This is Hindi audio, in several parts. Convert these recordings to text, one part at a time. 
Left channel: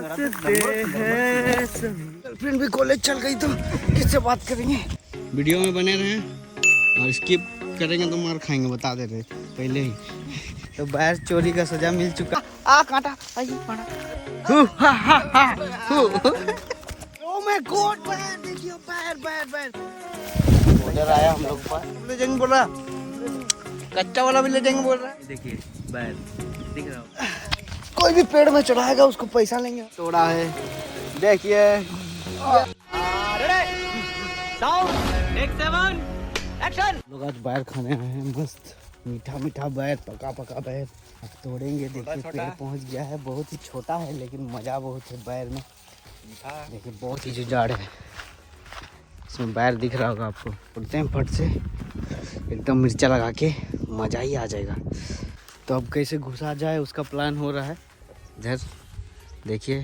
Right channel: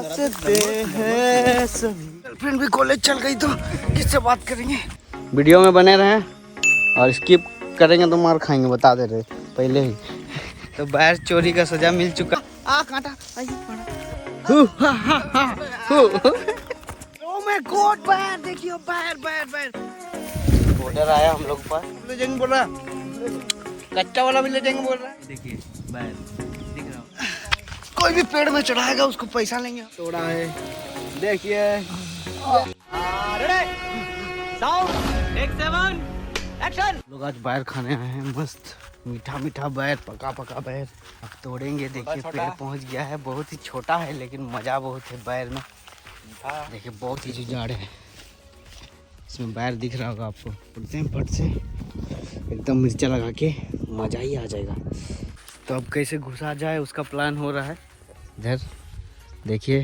हैं सभी। गर्लफ्रेंड भी कॉलेज चल गई तो किससे बात करेंगे। वीडियो में बने रहें और स्किप करेंगे तो मार खाएंगे, बता दे रहे पहले ही। तो बाहर चोरी का सजा मिल चुका। कांटा ओ माय गॉड, बाहर देखिए, बाहर ऑर्डर आया हम लोग पास। ले जाएंगे बोल रहा, कच्चा वाला भी ले जाएंगे बोल रहा है। देखिए बाहर दिख रहा है, कोई भी पेड़ में चढ़ाएगा उसको पैसा लेंगे। तोड़ा है देखिए। लोग आज बाहर खाने आए हैं, मस्त मीठा मीठा बैर, पका पका बैर। अब तोड़ेंगे। देखिए पेड़ पहुंच गया है, बहुत ही छोटा है लेकिन मजा बहुत है बैर में। देखिए बहुत ही जाड़ है, इसमें बैर दिख रहा होगा आपको। उड़ते हैं फट से एकदम मिर्चा लगा के, मजा ही आ जाएगा। तो अब कैसे घुसा जाए उसका प्लान हो रहा है। इधर देखिए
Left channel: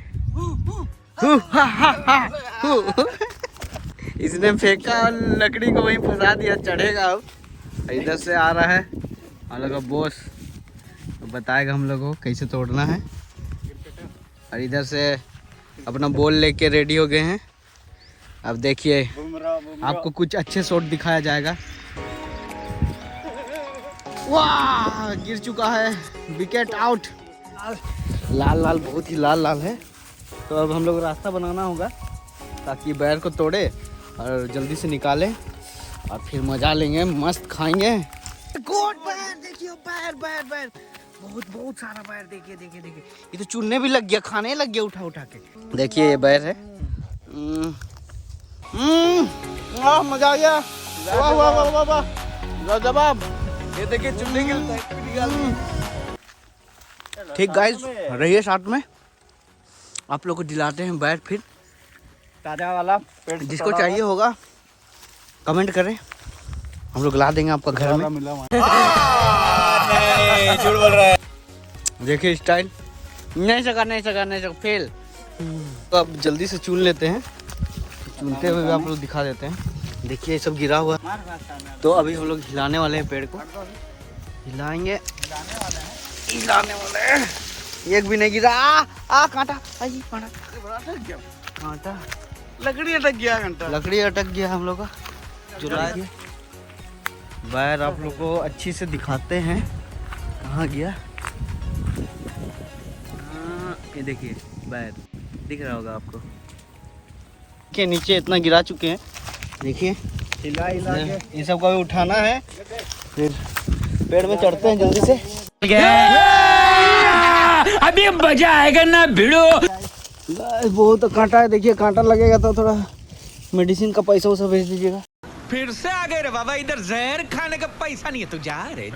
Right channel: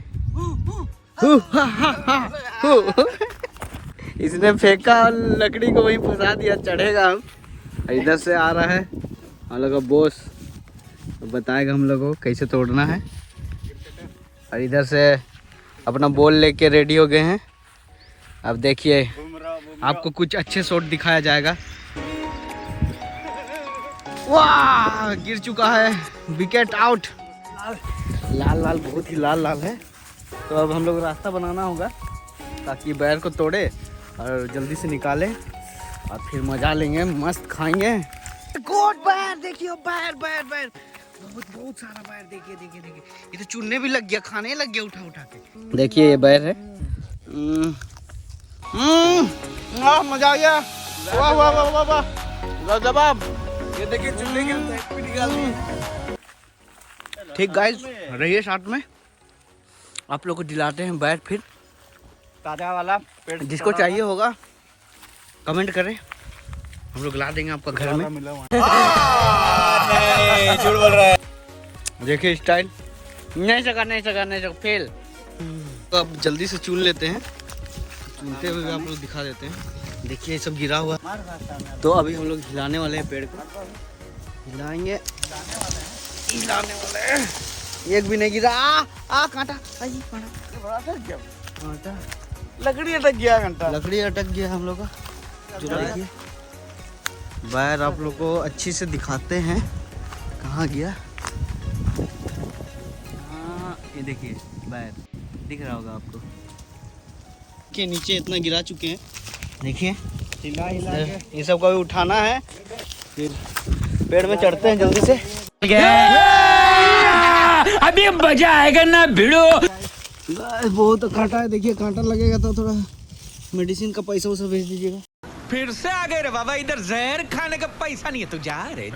इसने फेंका और लकड़ी को वहीं फंसा दिया, चढ़ेगा हम। इधर से आ रहा है हम लोग का बॉस, बताएगा हम लोग को कैसे तोड़ना है। और इधर से अपना बॉल लेके रेडी हो गए हैं। अब देखिए आपको कुछ अच्छे शॉट दिखाया जाएगा। वाह, गिर चुका है, विकेट आउट। लाल लाल बहुत ही लाल लाल है। तो अब हम लोग रास्ता बनाना होगा ताकि बैर को तोड़े और जल्दी से निकाले और फिर मजा लेंगे, मस्त खाएंगे। गोट बैर देखिए, बैर बहुत सारा बैर। देखिए ये तो चुनने भी लग गया, खाने लग गया उठा के। देखिए ये बैर है। मजा आ गया, वाह जवाब। ये देखिए चुनने के निकाल दिए। ठीक गाइस, रहिए साथ में, आप लोग को दिलाते हैं बैर फिर ताजा वाला। जिसको चाहिए होगा कमेंट करें, हम लोग ला देंगे आपका घर में। झूठ बोल रहा है। देखिए स्टाइल, नहीं सका फेल। तो अब जल्दी से चुन लेते हैं, चुनते हुए आप लोग दिखा देते हैं। देखिए ये सब गिरा हुआ। तो अभी हम लोग हिलाने वाले हैं, पेड़ को हिलाएंगे, हिलाने वाले हैं। एक भी नहीं गिरा। कांटा लकड़ी अटक गया हम लोग का। देखिए बैर आप लोग को अच्छी से दिखाते हैं कहाँ गया। ये देखिए बैर दिख रहा होगा आपको के नीचे इतना गिरा चुके हैं। देखिए हिला के ये सब का भी उठाना है, फिर पेड़ में चढ़ते हैं जल्दी से। अभी मजा आएगा ना भिड़ो। बहुत कांटा है, देखिए कांटा लगेगा तो थोड़ा मेडिसिन का पैसा उसा भेज दीजिएगा। फिर से आ गए रे बाबा, इधर जहर खाने का पैसा नहीं है तो जा रे।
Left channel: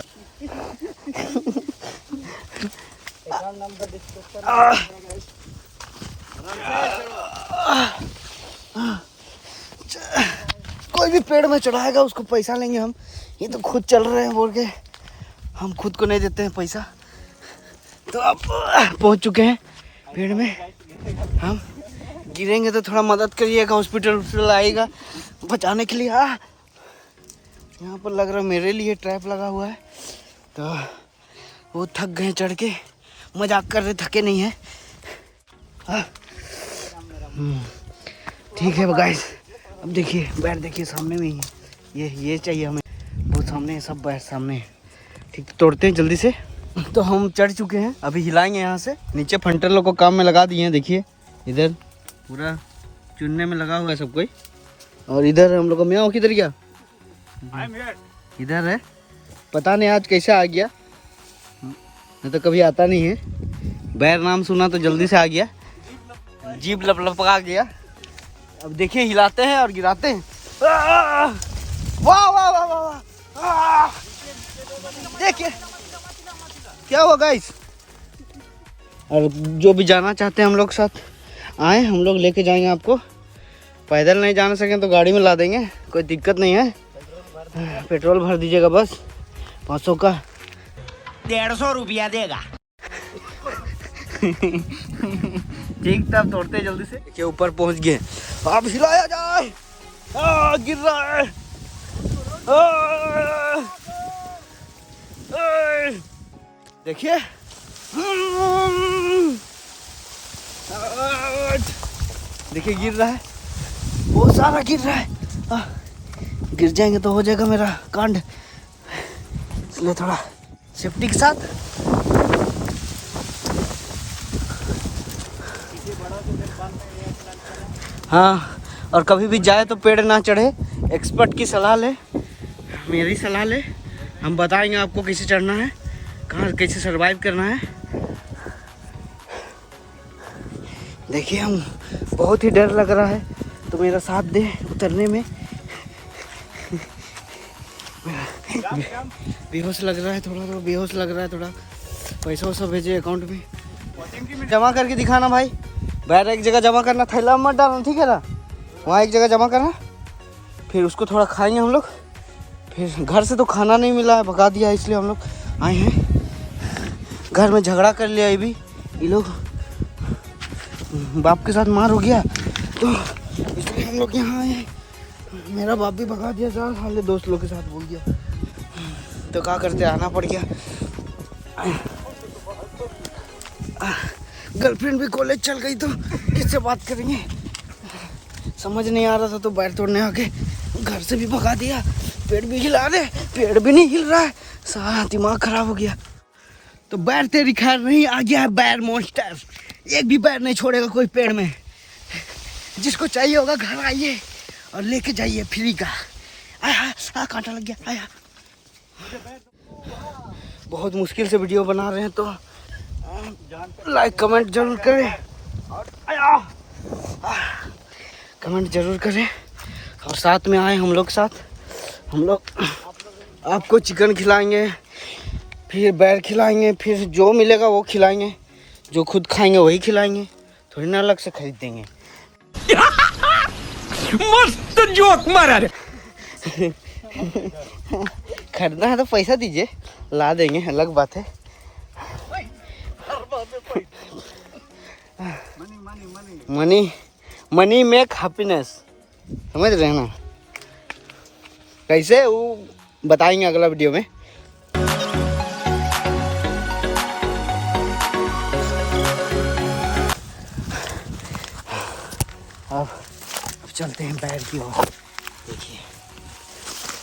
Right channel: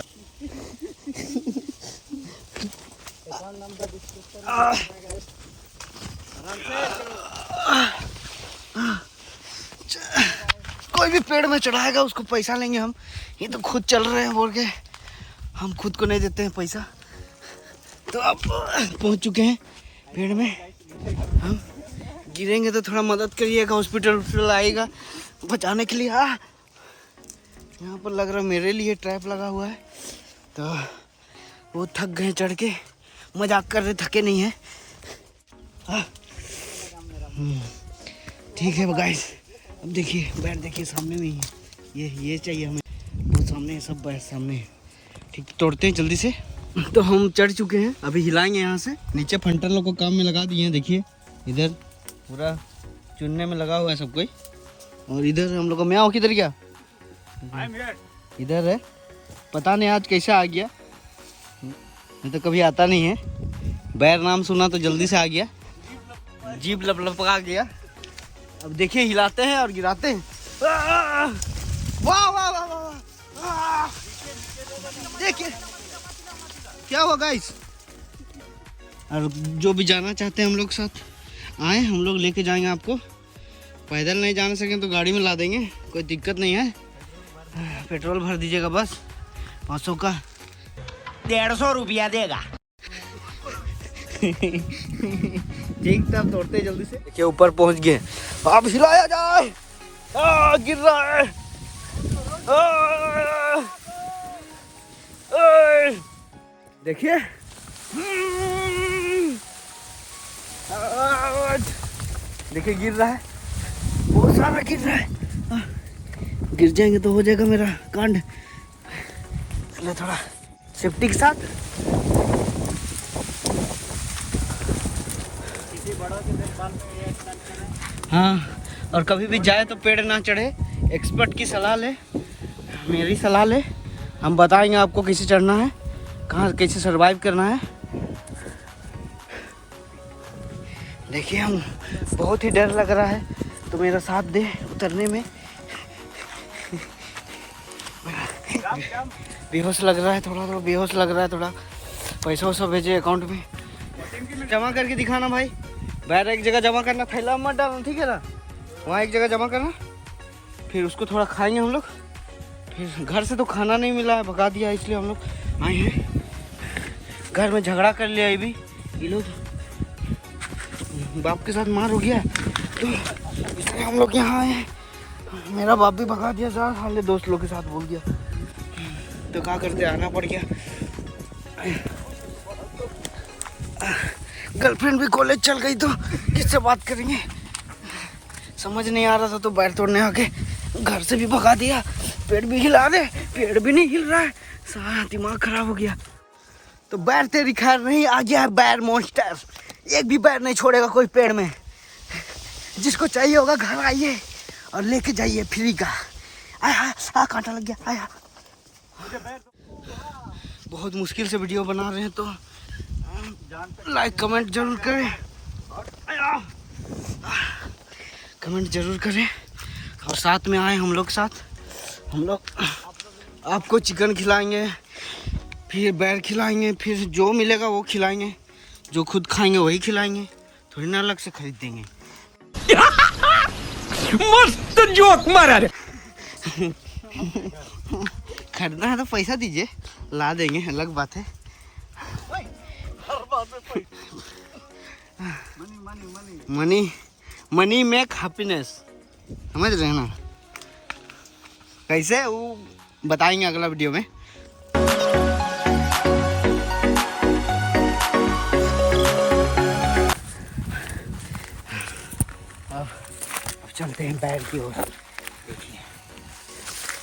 कोई भी पेड़ में चढ़ाएगा उसको पैसा लेंगे हम। ये तो खुद चल रहे हैं बोल के हम खुद को नहीं देते हैं पैसा। तो अब पहुंच चुके हैं पेड़ में। हम गिरेंगे तो थोड़ा मदद करिएगा, हॉस्पिटल आएगा बचाने के लिए। यहाँ पर लग रहा मेरे लिए ट्रैप लगा हुआ है। तो वो थक गए चढ़ के, मजाक कर रहे, थके नहीं है। ठीक है गाइस, अब देखिए बैर देखिए सामने में ही है। ये चाहिए हमें, बहुत सामने है, सब बैर सामने है। ठीक, तोड़ते हैं जल्दी से। तो हम चढ़ चुके हैं, अभी हिलाएंगे यहाँ से। नीचे फंटर लोग को काम में लगा दिए हैं। देखिए इधर पूरा चुनने में लगा हुआ है सब कोई। और इधर हम लोग का म्याओ किधर गया? इधर है, पता नहीं आज कैसे आ गया, नहीं तो कभी आता नहीं है। बैर नाम सुना तो जल्दी से आ गया, जीभ लपका गया। अब देखिए हिलाते हैं और गिराते हैं। वाह वाह वाह वाह, देखिए क्या हुआ गाइस। और जो भी जाना चाहते हैं हम लोग साथ आए, हम लोग लेके जाएंगे आपको। पैदल नहीं जाना सकें तो गाड़ी में ला देंगे, कोई दिक्कत नहीं है। पेट्रोल भर दीजिएगा बस 500 का। 150 रुपया देगा। ठीक, तब तोड़ते हैं जल्दी से। देखिए ऊपर पहुंच गए, अब हिलाया जाए। गिर रहा है। देखिए देखिए गिर रहा है, बहुत सारा गिर रहा है। गिर जाएंगे तो हो जाएगा मेरा कांड, इसलिए थोड़ा सेफ्टी के साथ। हाँ, और कभी भी जाए तो पेड़ ना चढ़े, एक्सपर्ट की सलाह ले, मेरी सलाह ले। हम बताएंगे आपको कैसे चढ़ना है, कहाँ कैसे सरवाइव करना है। देखिए हम बहुत ही डर लग रहा है, तो मेरा साथ दे उतरने में। बेहोश लग रहा है, थोड़ा बेहोश लग रहा है थोड़ा। पैसा वैसा भेजे अकाउंट में, जमा करके दिखाना भाई। बैर एक जगह जमा करना, थैला मत डालना, ठीक है ना? वहाँ एक जगह जमा करना, फिर उसको थोड़ा खाएंगे हम लोग। फिर घर से तो खाना नहीं मिला है, भगा दिया, इसलिए हम लोग आए हैं। घर में झगड़ा कर लिया ये लोग, बाप के साथ मार हो गया, तो इसलिए हम लोग यहाँ आए हैं। मेरा बाप भी भगा दिया, साले दोस्त लोग के साथ बोल दिया, तो क्या करते, आना पड़ गया। गर्लफ्रेंड भी कॉलेज चल गई तो किससे बात करेंगे, समझ नहीं आ रहा था, तो बैर तोड़ने आके घर से भी भगा दिया। पेड़ भी हिला रहे, पेड़ भी नहीं हिल रहा है, सारा दिमाग खराब हो गया। तो बैर तेरी खैर नहीं, आ गया है बैर मॉन्स्टर। एक भी बैर नहीं छोड़ेगा कोई पेड़ में। जिसको चाहिए होगा घर आइए और लेके जाइए फ्री का। आया कांटा लग गया, आया। बहुत मुश्किल से वीडियो बना रहे हैं, तो लाइक कमेंट जरूर करें, कमेंट जरूर करें। अब साथ में आए हम लोग साथ, हम लोग आपको चिकन खिलाएंगे, फिर बैर खिलाएंगे, फिर जो मिलेगा वो खिलाएंगे, जो खुद खाएंगे वही खिलाएंगे, थोड़ी ना अलग से खरीद देंगे। मस्त जोक मारा रे। खरीदना है तो पैसा दीजिए, ला देंगे, अलग बात है। मनी मनी मेक हैप्पीनेस, समझ रहे हैं ना? कैसे वो बताएंगे अगला वीडियो में। अब चलते हैं बैर की ओर। देखिए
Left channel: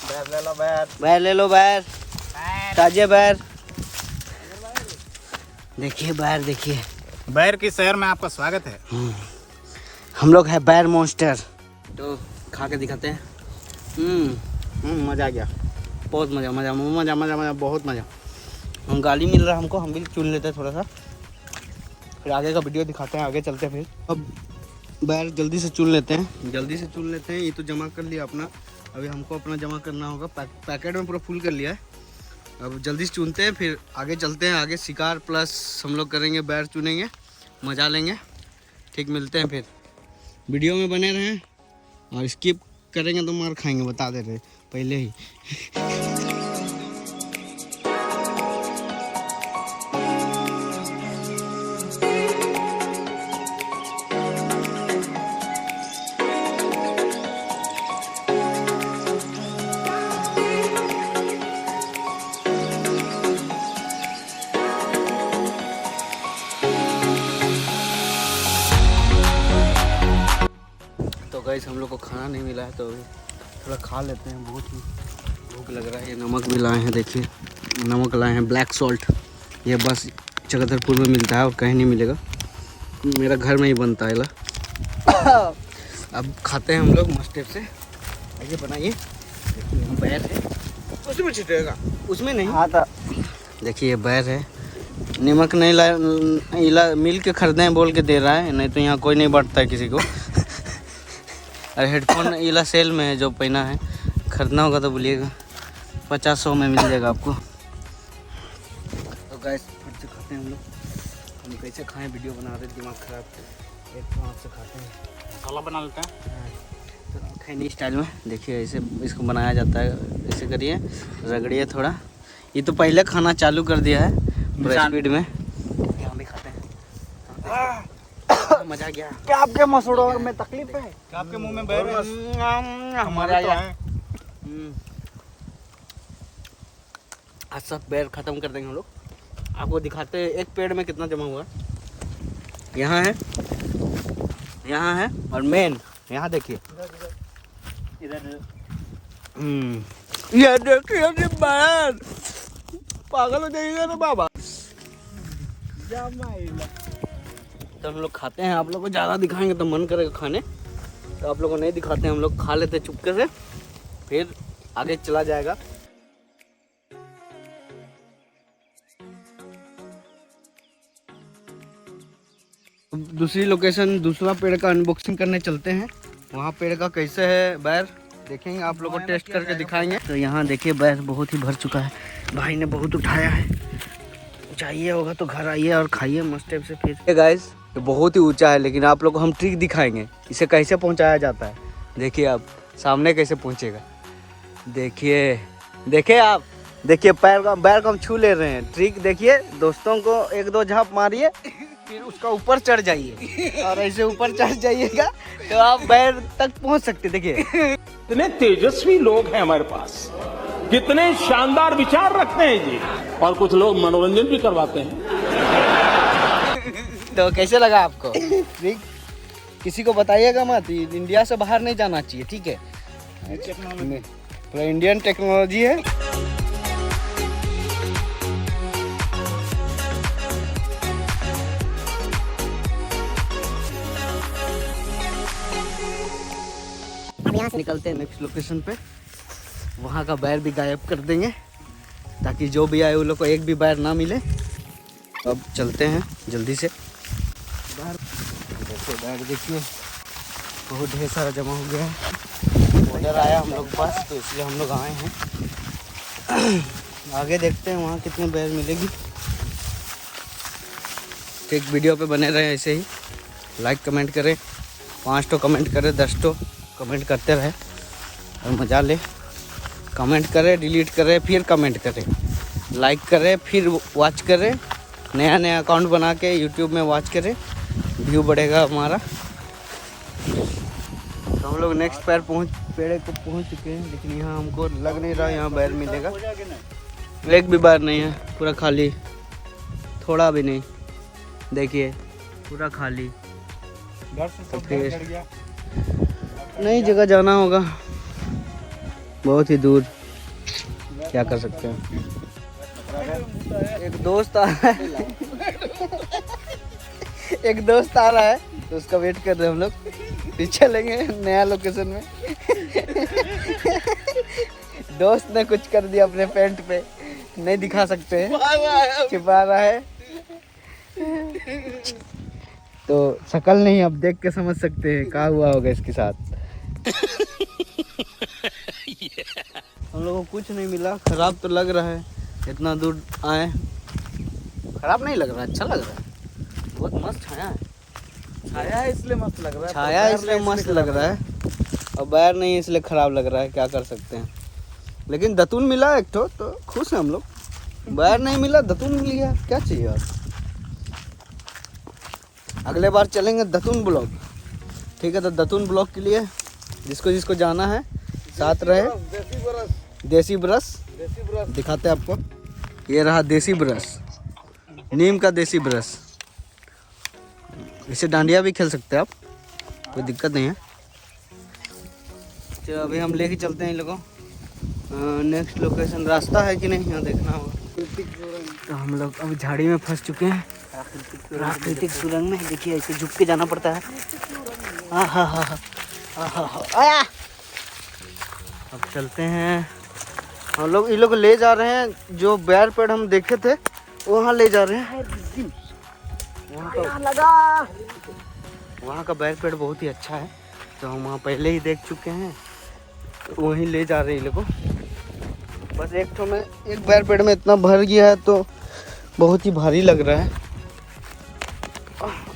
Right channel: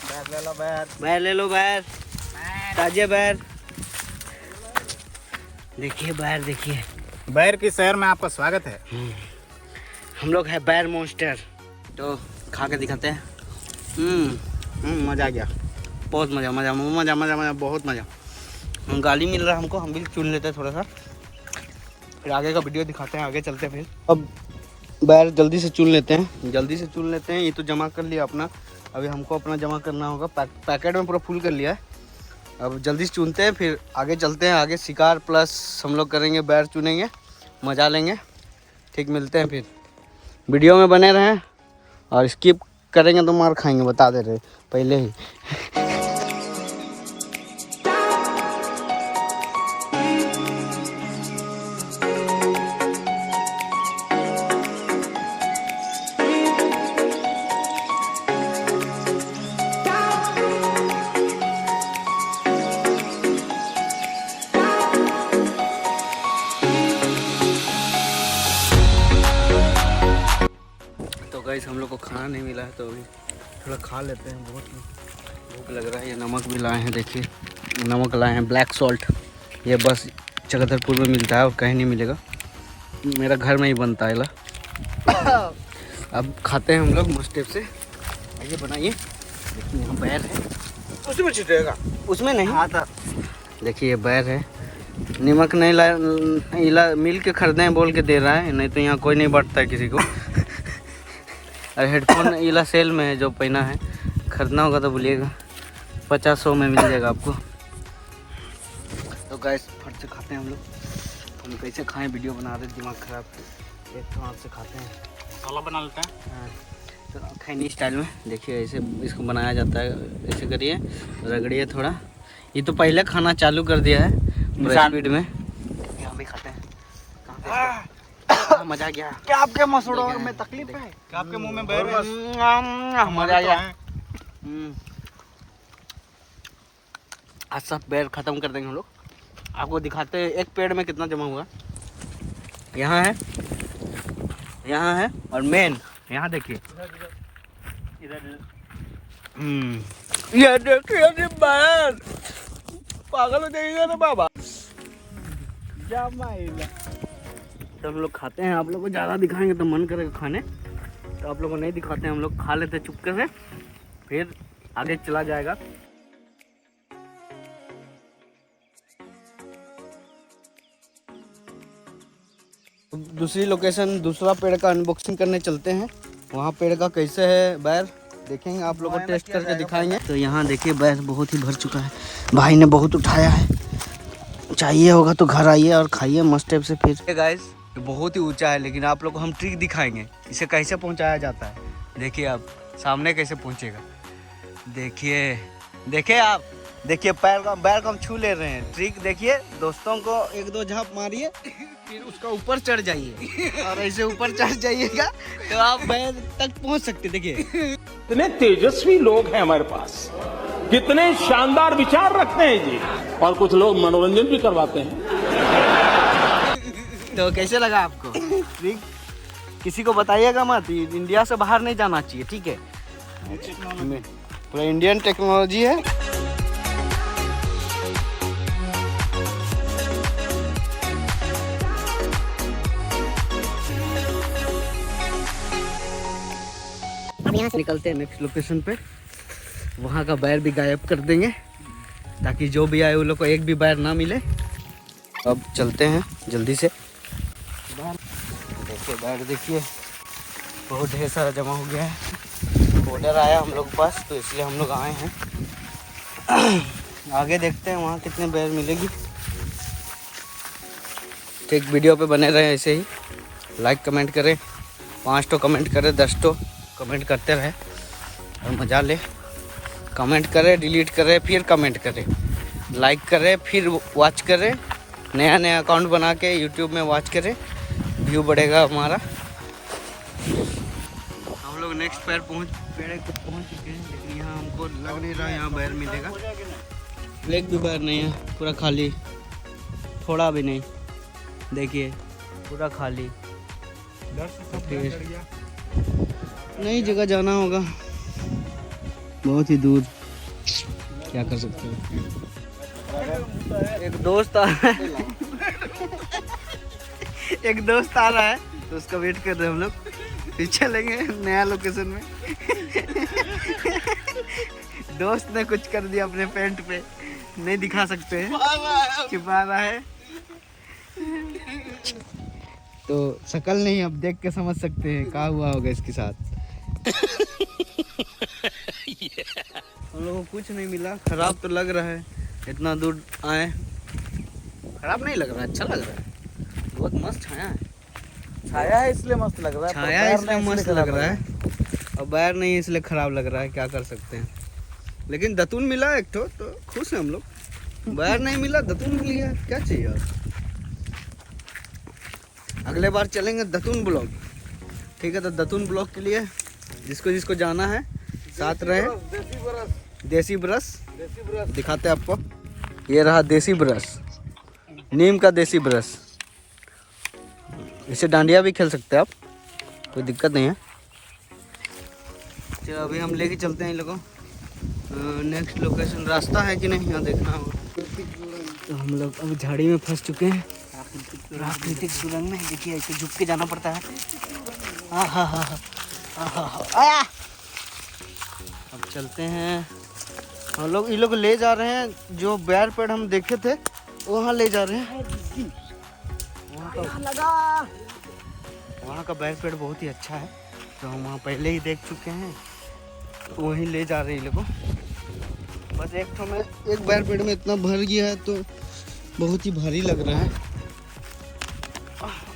बैर ले लो, बैर बैर ले लो, बैर ताजे बैर। देखिए बैर, देखिए बैर के शहर में आपका स्वागत है। हम लोग है बैर मॉन्स्टर, तो खा के दिखाते हैं। मज़ा आ गया, बहुत मज़ा मज़ा मज़ा मज़ा मज़ा, बहुत मज़ा। हम गाली मिल रहा है हमको, हम भी चुन लेते हैं थोड़ा सा, फिर आगे का वीडियो दिखाते हैं, आगे चलते हैं। फिर अब बैर जल्दी से चुन लेते हैं, जल्दी से चुन लेते हैं। ये तो जमा कर लिया अपना, अभी हमको अपना जमा करना होगा। पैकेट में पूरा फुल कर लिया है, अब जल्दी से चुनते हैं, फिर आगे चलते हैं। आगे शिकार प्लस हम लोग करेंगे, बैर चुनेंगे, मज़ा लेंगे। ठीक, मिलते हैं फिर। वीडियो में बने रहें, और स्किप करेंगे तो मार खाएंगे, बता दे रहे पहले ही। तो गाइस हम लोग को खाना नहीं मिला है, तो अभी थोड़ा खा लेते हैं, बहुत ही भूख लग रहा है। ये नमक भी लाए हैं, देखिए नमक लाए हैं, ब्लैक सॉल्ट। ये बस चकधरपुर में मिलता है और कहीं नहीं मिलेगा, मेरा घर में ही बनता है ला। अब खाते हैं हम लोग मस्त टाइप से। आइए बनाइए। देखिए यहाँ बैर है, उसमें छिटेगा, उसमें नहीं आता। देखिए ये बैर है, नमक नहीं ला मिल के खरीदें बोल के दे रहा है, नहीं तो यहाँ कोई नहीं बांटता है किसी को। और हेडफोन इला सेल में है, जो पहना है, खरीदना होगा तो बोलिएगा, 50-100 में मिल जाएगा आपको। तो गैस फट से खाते हैं हम लोग। हम कैसे खाएं, वीडियो बना रहे, दिमाग खराब। एक तो हाथ से खाते हैं, मसाला बना लेते हैं। हाँ, तो खैनी स्टाइल में। देखिए ऐसे इसको बनाया जाता है, ऐसे करिए, रगड़िए थोड़ा। ये तो पहले खाना चालू कर दिया है पूरा स्पीड में। हम भी खाते हैं। मजा आ गया। क्या आपके मसूड़ों में तकलीफ है? क्या आपके मुंह में बैर मजा आ गया। आज सब बैर खत्म कर देंगे हम लोग। आपको दिखाते हैं एक पेड़ में कितना जमा हुआ। यहाँ है यहाँ है और मेन यहाँ देखिए। ये देखिए बैर पागल हो जाएगा ना बाबा। तो हम लोग खाते हैं, आप लोग को ज़्यादा दिखाएंगे तो मन करेगा खाने, तो आप लोग को नहीं दिखाते हैं, हम लोग खा लेते चुपके से, फिर आगे चला जाएगा। दूसरी लोकेशन, दूसरा पेड़ का अनबॉक्सिंग करने चलते हैं। वहाँ पेड़ का कैसे है बैर देखेंगे, आप लोग को टेस्ट करके दिखाएंगे। तो यहाँ देखिए बैर बहुत ही भर चुका है, भाई ने बहुत उठाया है। चाहिए होगा तो घर आइए और खाइए मस्त टाइप से। फिर गाइस ये बहुत ही ऊंचा है, लेकिन आप लोग को हम ट्रिक दिखाएंगे इसे कैसे पहुंचाया जाता है। देखिए आप सामने कैसे पहुंचेगा, देखिए देखिए आप देखिए पैर को हम छू ले रहे हैं। ट्रिक देखिए दोस्तों को, एक दो झाप मारिए फिर उसका ऊपर चढ़ जाइए और ऐसे ऊपर चढ़ जाइएगा तो आप पैर तक पहुंच सकते। देखिए कितने तेजस्वी लोग हैं हमारे पास, कितने शानदार विचार रखते हैं जी, और कुछ लोग मनोरंजन भी करवाते हैं। तो कैसे लगा आपको ट्रिक? किसी को बताइएगा मत, इंडिया से बाहर नहीं जाना चाहिए, ठीक है? पूरा इंडियन टेक्नोलॉजी है। अब यहाँ से निकलते हैं नेक्स्ट लोकेशन पे, वहाँ का बैर भी गायब कर देंगे ताकि जो भी आए उन लोग को एक भी बैर ना मिले। अब चलते हैं जल्दी से। देखिए बैर देखिए बहुत ढेर सारा जमा हो गया है। ऑर्डर आया हम लोग के पास तो इसलिए हम लोग आए हैं। आगे देखते हैं वहाँ कितने बैर मिलेगी। ठीक, वीडियो पे बने रहे ऐसे ही, लाइक कमेंट करें, 5 तो कमेंट करें, 10 तो कमेंट करते रहे और मज़ा ले। कमेंट करें, डिलीट करें, फिर कमेंट करें, लाइक करें, फिर वॉच करें, नया नया अकाउंट बना के यूट्यूब में वॉच करें, व्यू बढ़ेगा हमारा। तो हम लोग नेक्स्ट पेड़ को पहुंच चुके हैं, लेकिन यहाँ हमको लग नहीं रहा यहाँ बैर मिलेगा। एक भी बैर नहीं है, पूरा खाली, थोड़ा भी नहीं। देखिए पूरा खाली। तो फिर नई जगह जाना होगा, बहुत ही दूर, क्या कर सकते हैं। एक दोस्त आ रहा है एक दोस्त आ रहा है तो उसका वेट कर रहे हैं हम लोग। फिर चलेंगे नया लोकेशन में। दोस्त ने कुछ कर दिया अपने पैंट पे, नहीं दिखा सकते हैं, छिपा रहा है। तो शकल नहीं, अब देख के समझ सकते हैं क्या हुआ होगा इसके साथ। हम लोगों को कुछ नहीं मिला, खराब तो लग रहा है, इतना दूर आए। खराब नहीं लग रहा, अच्छा लग रहा है, बहुत मस्त छाया है। छाया है इसलिए मस्त लग रहा है, छाया है इसलिए मस्त लग रहा है, और बैर नहीं है इसलिए खराब लग रहा है, क्या कर सकते हैं। लेकिन दतून मिला एक तो खुश है हम लोग। बैर नहीं मिला, दतून मिल गया, क्या चाहिए और। अगले बार चलेंगे दतून ब्लॉक, ठीक है? तो दतून ब्लॉक के लिए जिसको जिसको जाना है साथ रहे। देसी ब्रश दिखाते हैं आपको, ये रहा देसी ब्रश, नीम का देसी ब्रश। इससे डांडिया भी खेल सकते हैं आप, कोई दिक्कत नहीं है। चलो अभी हम लेके चलते हैं इन लोगों नेक्स्ट लोकेशन। रास्ता है कि नहीं यहाँ देखना होगा। तो हम लोग अब झाड़ी में फंस चुके हैं, प्राकृतिक सुरंग में। देखिए ऐसे झुक के जाना पड़ता है। आया। अब चलते हैं हम लोग, इन लोग ले जा रहे हैं जो बैर पेड़ हम देखे थे वहाँ ले जा रहे हैं। वहाँ का बैर पेड़ बहुत ही अच्छा है, तो हम वहाँ पहले ही देख चुके हैं, तो वहीं ले जा रहे हैं इन लोगों। बस एक बैर पेड़ में इतना भर गया है तो बहुत ही भारी लग रहा है।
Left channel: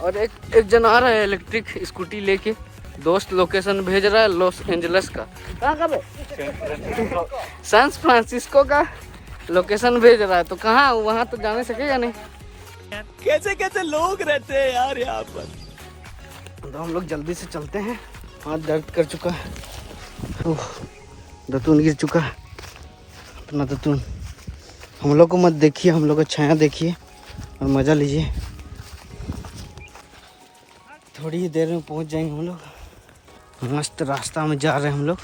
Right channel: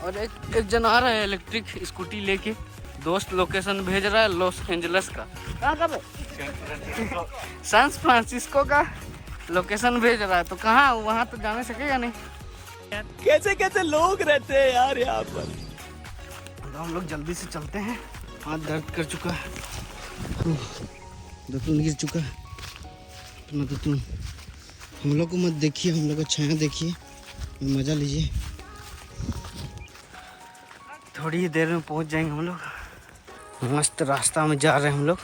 और एक जन आ रहा है इलेक्ट्रिक स्कूटी लेके, दोस्त लोकेशन भेज रहा है लॉस एंजल्स का। कहाँ का सैन फ्रांसिस्को का लोकेशन भेज रहा है, तो कहाँ वहाँ तो जाने सकेगा नहीं। कैसे कैसे लोग रहते हैं यार यहाँ पर। तो हम लोग जल्दी से चलते हैं, हाथ दर्द कर चुका है, दतून गिर चुका है अपना दतून। हम लोग को मत देखिए, हम लोग का छाया देखिए और मज़ा लीजिए। तो थोड़ी ही देर में पहुंच जाएंगे हम लोग। मस्त रास्ता में जा रहे हैं हम लोग,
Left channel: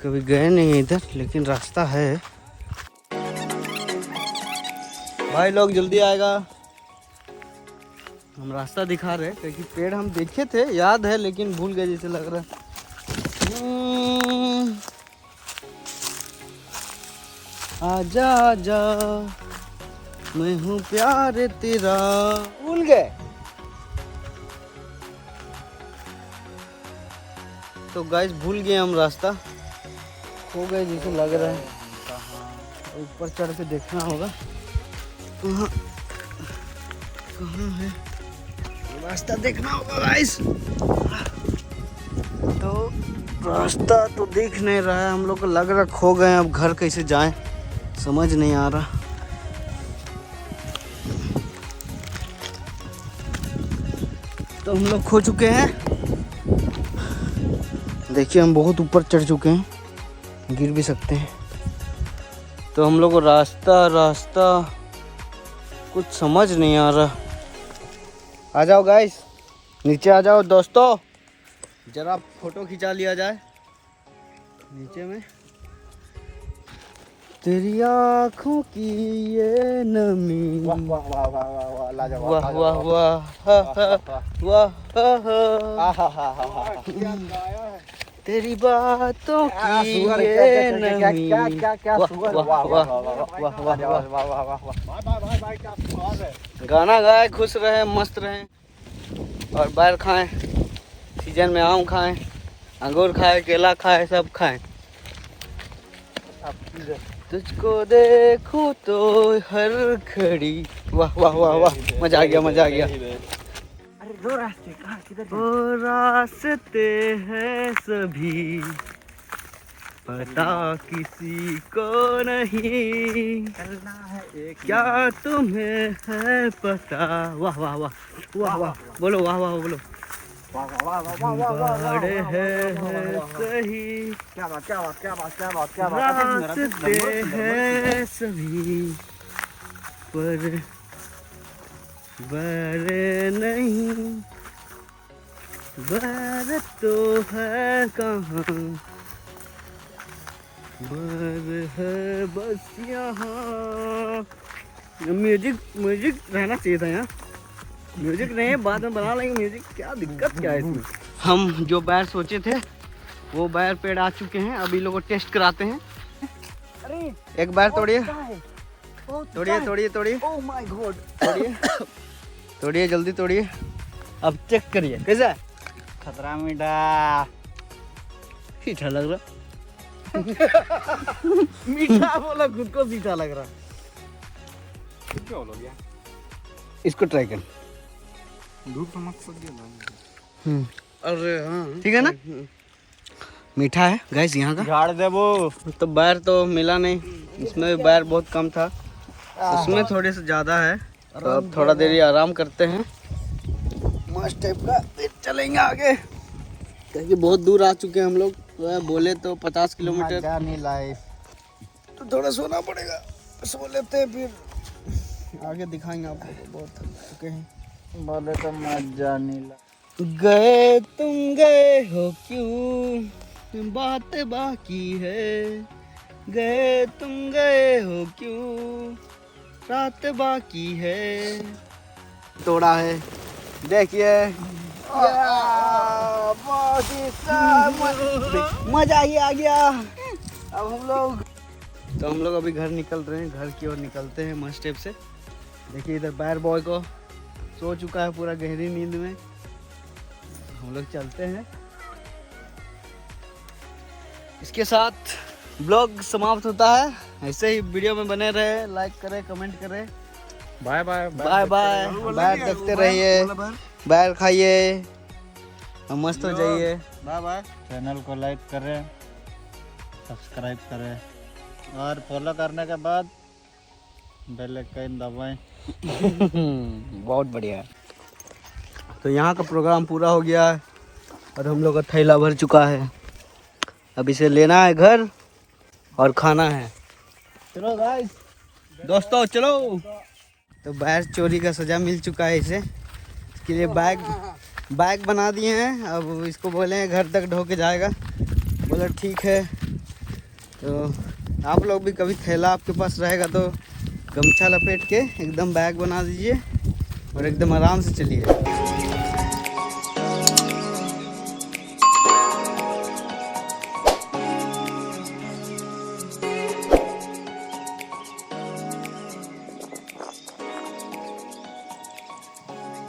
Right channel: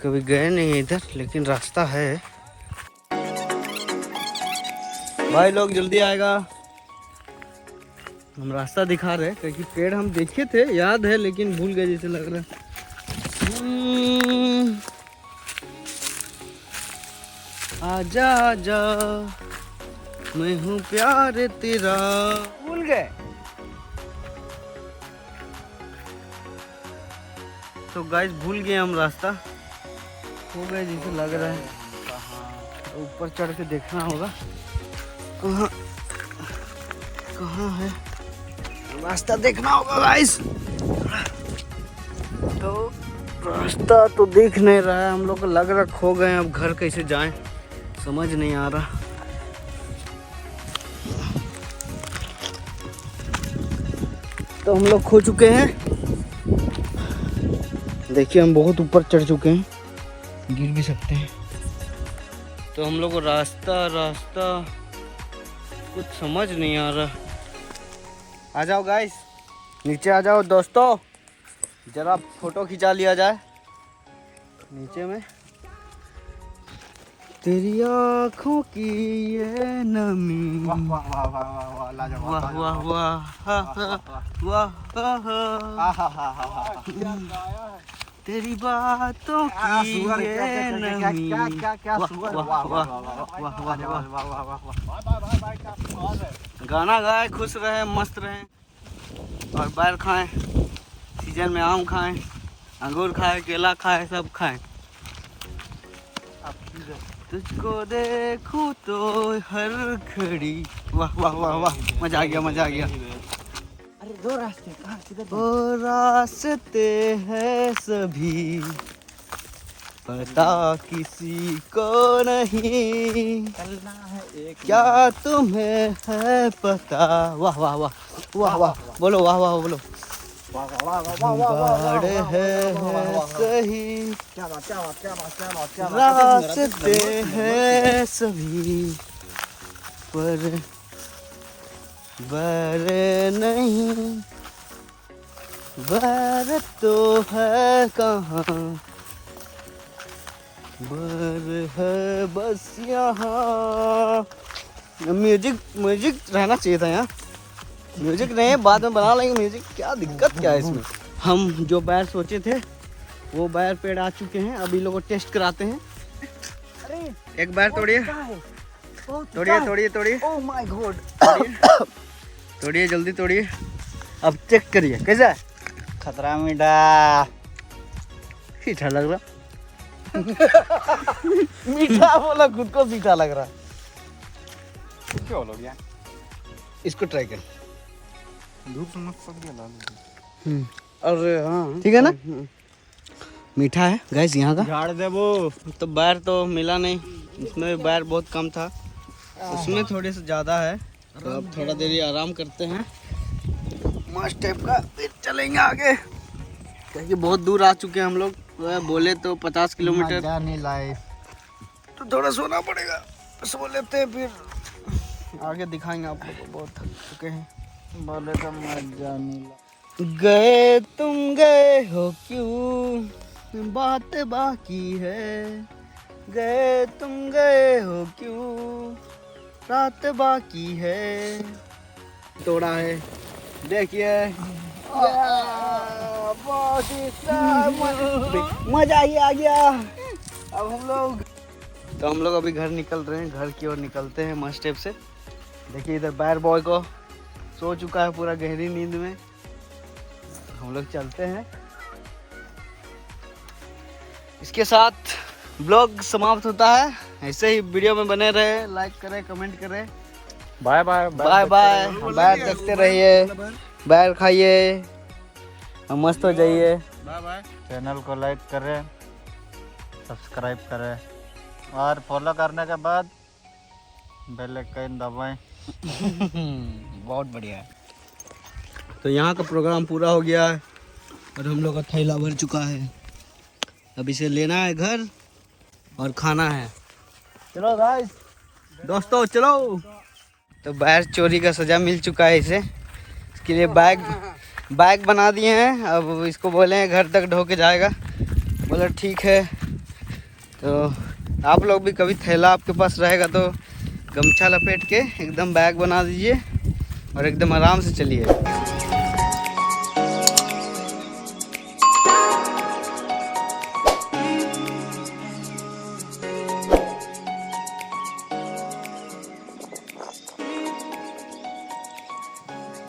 कभी गए नहीं हैं इधर, लेकिन रास्ता है। भाई लोग जल्दी आएगा। हम रास्ता दिखा रहे हैं क्योंकि पेड़ हम देखे थे, याद है, लेकिन भूल गए जैसे लग रहा है। आजा आजा मैं हूँ प्यार तेरा। भूल गए तो गाइस, भूल गए हम रास्ता, हो गए जैसे लग रहा है। ऊपर चढ़ के देखना होगा कहाँ कहाँ है, रास्ता देखना होगा गाइस। तो रास्ता तो दिख नहीं रहा है, हम लोग को लग रहा खो गए। अब घर कैसे जाएं समझ नहीं आ रहा। तो हम लोग खो चुके हैं, देखिए हम बहुत ऊपर चढ़ चुके हैं, गिर भी सकते हैं। तो हम लोग को रास्ता कुछ समझ नहीं आ रहा। आ जाओ गाइस, नीचे आ जाओ दोस्तों, जरा फोटो खिंचा लिया जाए नीचे में। तेरी आँखों की ये नमी, वाह वाह वाह वाह वाह वाह लाजवाब, वाह वाह वाह हा हा वाह हा हा। तेरी बातों की ये नमी, वाह वाह वाह वाह वाह वाह। गाना गाए, खुश रहें, मस्त रहें और बैर खाएं, सीजन में आम खाएं, अंगूर खाएं, केला खाएं, सब खाएं। तुझको देखूं तो हर घड़ी, वाह वाह वाह वाह, मजा आ गया मजा आ गया। अरे दो रास्ते कहाँ किधर? ओ रास्ते हैं सभी, पता किसी को नहीं, चलना है एक, क्या तुम्हें है पता। वाह वाह वाह वाह वाह, बोलो वाह वाह बोलो। वाह वाह वाह वाह वाह वाह बड़े हैं सही, क्या बात क्या बात क्या बात क्या बात क्या रास्ते हैं सभी, पर बैर नहीं, बैर तो है कहाँ, बैर है बस यहाँ। म्यूजिक रहना चाहिए था यहाँ, म्यूजिक नहीं है, बाद में बना लेंगे म्यूजिक, क्या दिक्कत क्या है इसमें। हम जो बैर सोचे थे वो बैर पेड़ आ चुके हैं, अभी लोगों को टेस्ट कराते हैं। एक बैर तोड़िए तोड़िए तोड़िए तोड़िए, ओह माय गॉड, तोड़िए जल्दी तोड़िए, अब चेक करिए कैसा है। खतरा मीठा, मीठा लग रहा मीठा बोला, खुद को मीठा लग रहा। क्या हो गया? इसको ट्राई कर, धूप से मत पड़ गया। अरे हाँ ठीक है ना, मीठा है गैस यहाँ का। झाड़ दे वो तो बैर तो मिला नहीं, इसमें भी बैर बहुत कम था, उसमें थोड़ी सी ज़्यादा है। तो अब थोड़ा देर ही आराम करते हैं, मस्त टाइप का, फिर चलेंगे आगे क्योंकि बहुत दूर आ चुके हैं हम लोग। बोले तो 50 किलोमीटर, जानी लाइफ, तो थोड़ा सोना पड़ेगा, सो लेते हैं, फिर आगे दिखाएंगे आप लोग को। बहुत थक चुके हैं, बोले तो मजा नहीं ला। गए तुम गए हो क्यों, बात बाकी है, गए तुम गए हो क्यों, रात बाकी है। तोड़ा है देखिए, मजा ही आ गया। अब हम लोग अभी घर निकल रहे हैं, घर की ओर निकलते हैं मस्त स्टेप से। देखिए इधर बैर बॉय को सो चुका है पूरा गहरी नींद में, हम लोग चलते हैं। इसके साथ ब्लॉग समाप्त होता है, ऐसे ही वीडियो में बने रहे, लाइक करें, कमेंट करें। बाय बाय बाय बाय, बैर देखते रहिए, बैर खाइए, मस्त हो जाइए। Bye bye. चैनल को लाइक करें, सब्सक्राइब करें और फॉलो करने के बाद बेल आइकन दबाएं। बहुत बढ़िया है। तो यहाँ का प्रोग्राम पूरा हो गया है और हम लोग का थैला भर चुका है, अब इसे लेना है घर और खाना है। चलो गाइस दोस्तों चलो। तो बैर चोरी का सजा मिल चुका है इसे, इसके लिए बैग बैग बना दिए हैं, अब इसको बोले हैं घर तक ढो के जाएगा। बोला ठीक है। तो आप लोग भी कभी थैला आपके पास रहेगा तो गमछा लपेट के एकदम बैग बना दीजिए और एकदम आराम से चलिए।